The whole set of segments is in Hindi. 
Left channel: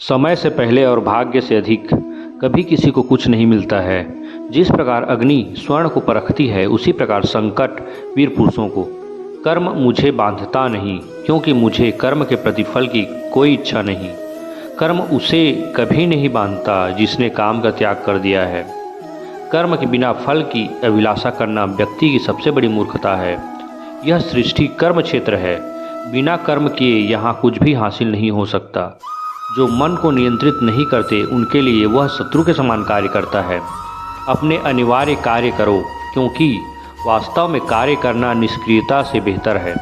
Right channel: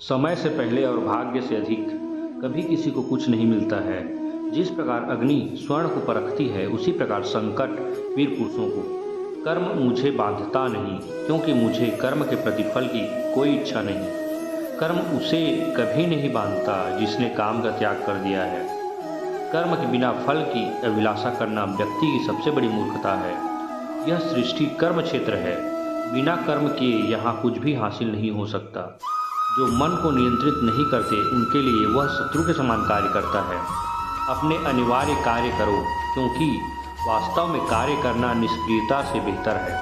समय से पहले और भाग्य से अधिक कभी किसी को कुछ नहीं मिलता है। जिस प्रकार अग्नि स्वर्ण को परखती है, उसी प्रकार संकट वीर पुरुषों को। कर्म मुझे बांधता नहीं, क्योंकि मुझे कर्म के प्रतिफल की कोई इच्छा नहीं। कर्म उसे कभी नहीं बांधता जिसने काम का त्याग कर दिया है। कर्म के बिना फल की अभिलाषा करना व्यक्ति की सबसे बड़ी मूर्खता है। यह सृष्टि कर्म क्षेत्र है। बिना कर्म किए यहाँ कुछ भी हासिल नहीं हो सकता। जो मन को नियंत्रित नहीं करते, उनके लिए वह शत्रु के समान कार्य करता है। अपने अनिवार्य कार्य करो, क्योंकि वास्तव में कार्य करना निष्क्रियता से बेहतर है।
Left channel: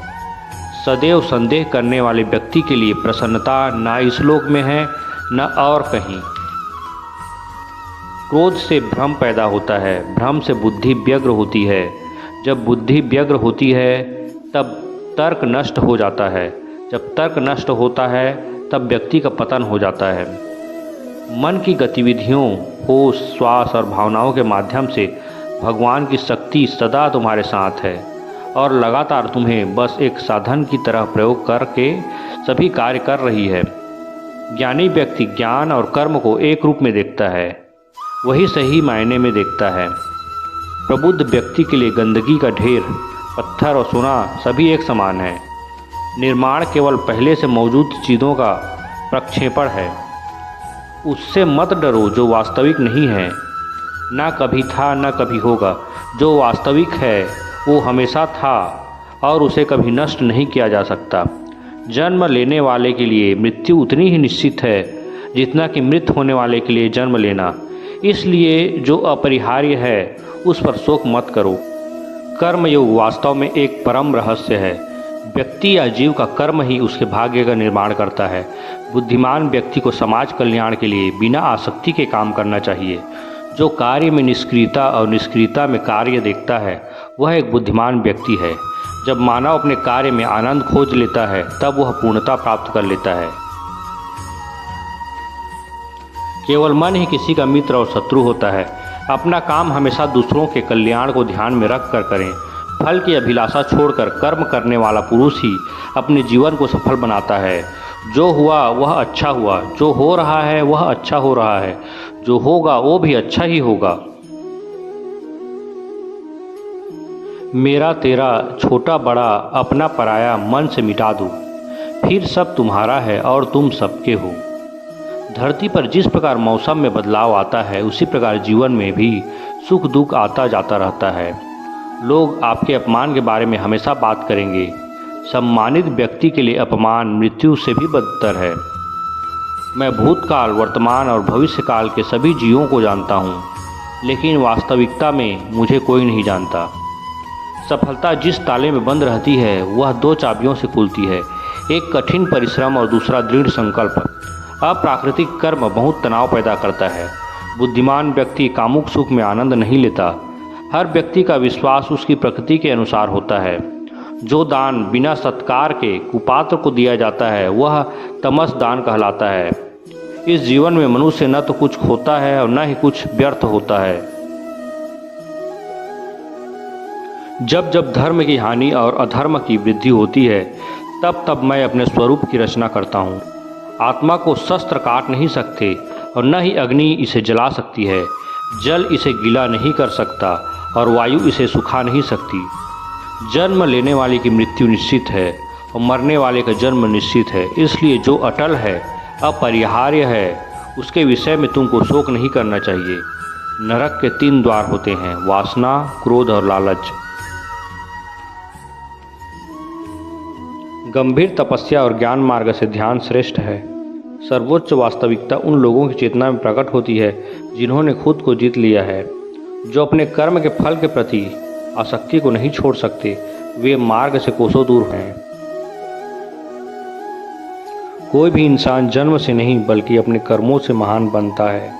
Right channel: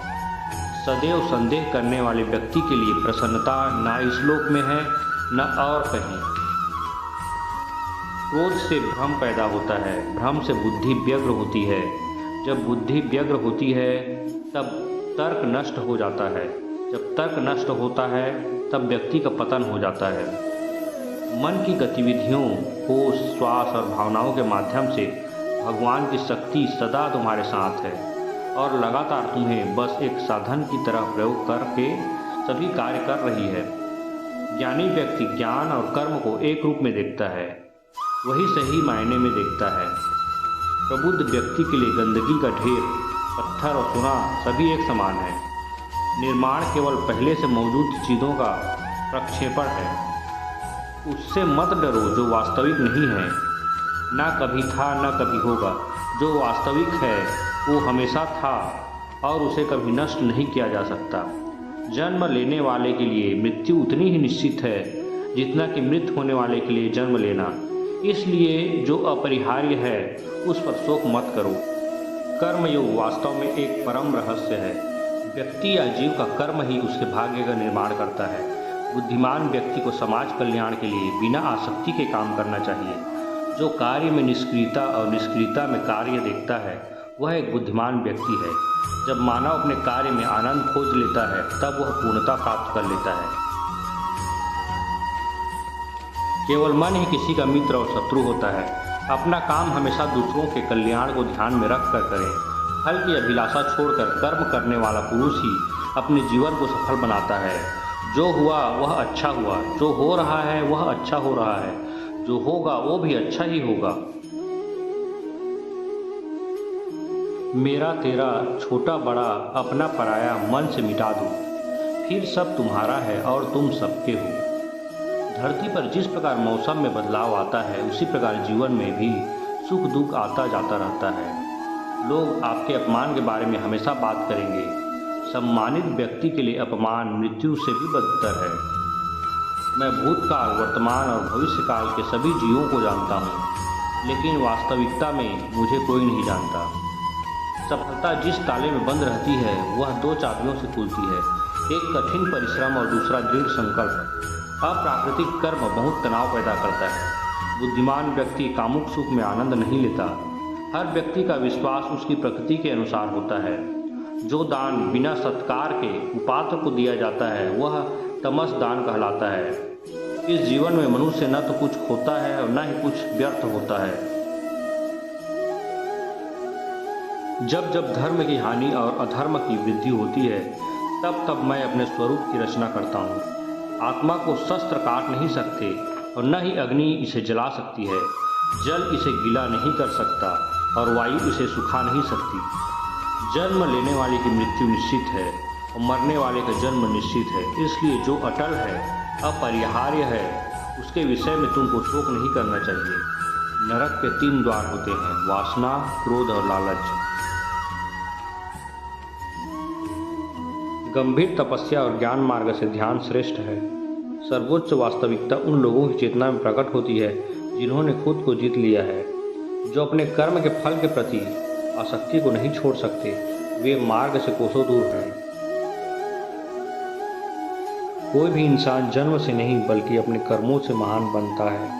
सदैव संदेह करने वाले व्यक्ति के लिए प्रसन्नता न इस लोक में है न और कहीं। क्रोध से भ्रम पैदा होता है, भ्रम से बुद्धि व्यग्र होती है। जब बुद्धि व्यग्र होती है तब तर्क नष्ट हो जाता है। जब तर्क नष्ट होता है तब व्यक्ति का पतन हो जाता है। मन की गतिविधियों, होश, श्वास और भावनाओं के माध्यम से भगवान की शक्ति सदा तुम्हारे साथ है और लगातार तुम्हें बस एक साधन की तरह प्रयोग करके सभी कार्य कर रही है। ज्ञानी व्यक्ति ज्ञान और कर्म को एक रूप में देखता है, वही सही मायने में देखता है। प्रबुद्ध व्यक्ति के लिए गंदगी का ढेर, पत्थर और सोना सभी एक समान है। निर्माण केवल पहले से मौजूद चीज़ों का प्रक्षेपण है। उससे मत डरो जो वास्तविक नहीं है। ना कभी था न कभी होगा। जो वास्तविक है वो हमेशा था और उसे कभी नष्ट नहीं किया जा सकता। जन्म लेने वाले के लिए मृत्यु उतनी ही निश्चित है जितना कि मृत होने वाले के लिए जन्म लेना। इसलिए जो अपरिहार्य है उस पर शोक मत करो। कर्मयोग वास्तव में एक परम रहस्य है। व्यक्ति या जीव का कर्म ही उसके भाग्य का निर्माण करता है। बुद्धिमान व्यक्ति को समाज कल्याण के लिए बिना आसक्ति के काम करना चाहिए। जो कार्य में निष्क्रियता और निष्क्रियता में कार्य देखता है, वह एक बुद्धिमान व्यक्ति है। जब मानव अपने कार्य में आनंद खोज लेता है, तब वह पूर्णता प्राप्त कर लेता है। केवल मन ही किसी का मित्र और शत्रु होता है। अपना काम हमेशा दूसरों के कल्याण को ध्यान में रख कर करें। फल की अभिलाषा छोड़कर कर्म करने वाला पुरुष ही अपने जीवन को सफल बनाता है। जो हुआ वह अच्छा हुआ, जो हो रहा है वह अच्छा हो रहा है, जो होगा वो भी अच्छा ही होगा। मेरा तेरा, छोटा बड़ा, अपना पराया मन से मिटा दो, फिर सब तुम्हारा है और तुम सबके हो। धरती पर जिस प्रकार मौसम में बदलाव आता है, उसी प्रकार जीवन में भी सुख दुख आता जाता रहता है। लोग आपके अपमान के बारे में हमेशा बात करेंगे। सम्मानित व्यक्ति के लिए अपमान मृत्यु से भी बदतर है। मैं भूतकाल, वर्तमान और भविष्यकाल के सभी जीवों को जानता हूँ, लेकिन वास्तविकता में मुझे कोई नहीं जानता। सफलता जिस ताले में बंद रहती है, वह दो चाबियों से खुलती है, एक कठिन परिश्रम और दूसरा दृढ़ संकल्प। अप्राकृतिक कर्म बहुत तनाव पैदा करता है। बुद्धिमान व्यक्ति कामुक सुख में आनंद नहीं लेता। हर व्यक्ति का विश्वास उसकी प्रकृति के अनुसार होता है। जो दान बिना सत्कार के कुपात्र को दिया जाता है, वह तमस दान कहलाता है। इस जीवन में मनुष्य न तो कुछ खोता है और न ही कुछ व्यर्थ होता है। जब जब धर्म की हानि और अधर्म की वृद्धि होती है, तब तब मैं अपने स्वरूप की रचना करता हूँ। आत्मा को शस्त्र काट नहीं सकते और न ही अग्नि इसे जला सकती है। जल इसे गीला नहीं कर सकता और वायु इसे सुखा नहीं सकती। जन्म लेने वाले की मृत्यु निश्चित है और मरने वाले का जन्म निश्चित है। इसलिए जो अटल है, अपरिहार्य है, उसके विषय में तुमको शोक नहीं करना चाहिए। नरक के 3 द्वार होते हैं, वासना, क्रोध और लालच। गंभीर तपस्या और ज्ञान मार्ग से ध्यान श्रेष्ठ है। सर्वोच्च वास्तविकता उन लोगों की चेतना में प्रकट होती है जिन्होंने खुद को जीत लिया है। जो अपने कर्म के फल के प्रति आसक्ति को नहीं छोड़ सकते, वे मार्ग से कोसों दूर हैं। कोई भी इंसान जन्म से नहीं बल्कि अपने कर्मों से महान बनता है।